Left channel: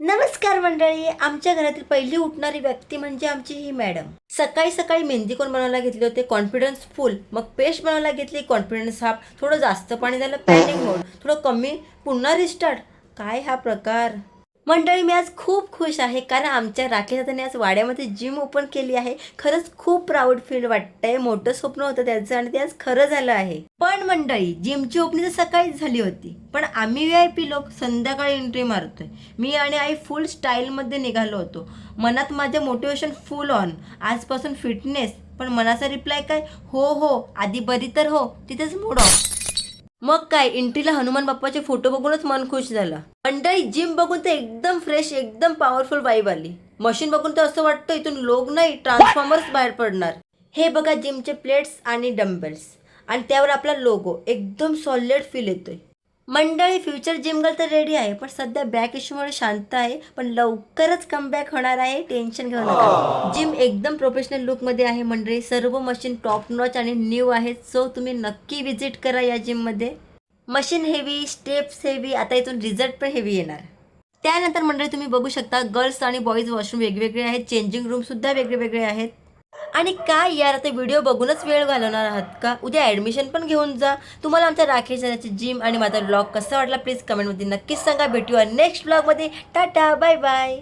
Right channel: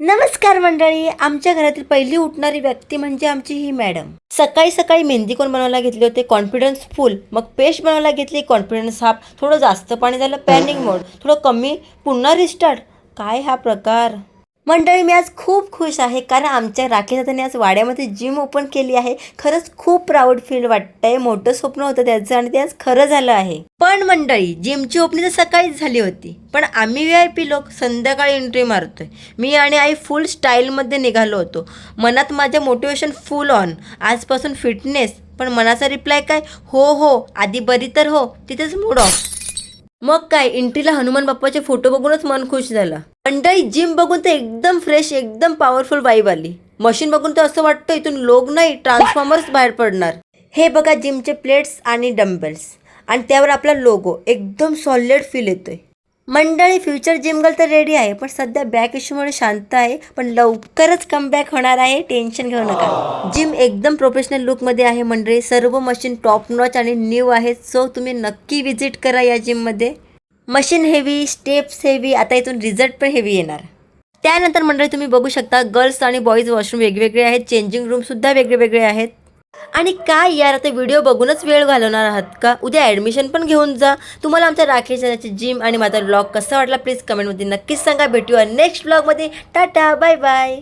नमस्कार मंडळी. आमच्या घरातील पहिली उठणारी व्यक्ती म्हणजे आमची ही मॅडम. सकाळी सकाळी मेहंदी कोण बनवायला घेतले होते, कॉन्फिडन्स फुल. मग पेस्ट बनवायला घेतली, कॉन्फिडन्स हाफ. थोडं जास्त पाणी झालं, पॅनिक मोड. थोडं कमी, पुन्हा रिस्टार्ट. काय हा प्रकार मंडळी. मी आज खूप खुश आहे कारण आमच्या राखी दादाने आज वाड्यामध्ये जिम ओपन केली आहे. खरंच खूप प्राऊड फील वाटतंय. मोठं स्वप्न होतं त्याचं आणि ते आज खरं झालं आहे. पण मंडळी, जिमची ओपनिंग तर सकाळीच झाली होती, पण आम्ही VIP लोक संध्याकाळी एंट्री मारतोय. मी आणि आई फुल स्टाईलमध्ये निघालो होतो. मनात माझ्या मोटिवेशन फुल ऑन. आजपासून फिटनेस. पण मनाचा रिप्लाय काय, हो हो आधी बरी तर हो. तिथेच मूड ऑफ. मग काय, एंट्रीला हनुमान बाप्पाचे फोटो बघूनच मन खुश झालं. मंडळी, जिम बघून तर एकदम फ्रेश, एकदम पॉवरफुल वाईब आली. मशीन बघून तर असं वाटतं इथून लोक नाही, ट्रान्सफॉर्मर्स बाहेर पडणार. हे बघा, जिमचे प्लेट्स आणि डंबेल्स आणि त्यावर आपला लोगो, एकदम सॉलिड फील येतोय. मंडळी, फ्युचर जिम गर्ल तर रेडी आहे, पण सध्या बॅक इश्यूमुळे शांत आहे. पण लवकरच कमबॅक होणार आहे, टेन्शन घेऊ नका. जिम एकदम प्रोफेशनल लुकमध्ये आहे मंडळी. सर्व मशीन टॉप नॉच आणि न्यू आहेत. सो तुम्ही नक्की विजिट करा या जिममध्ये. मशीन हेवी, स्टेप्स हेवी, आता इथून रिझल्ट पण हेवी येणार. त्यानंतर मंडळी तुम्ही बघू शकता, गर्ल्स आणि बॉईज वॉशरूम वेगवेगळे आहेत. चेंजिंग रूमसुद्धा वेगळे वेगळे आहेत. आणि काय यार, आता व्हिडिओ बघूनच वेळ घालवणार आहात का? उद्या ॲडमिशन पण घेऊन जा. तुम्हाला आमच्या राखेच्या जिम आणि माझा ब्लॉग कसा वाटला प्लीज कमेंटमध्ये नक्कीच सांगा. भेटूया नेक्स्ट ब्लॉगमध्ये. Tata, bye bye.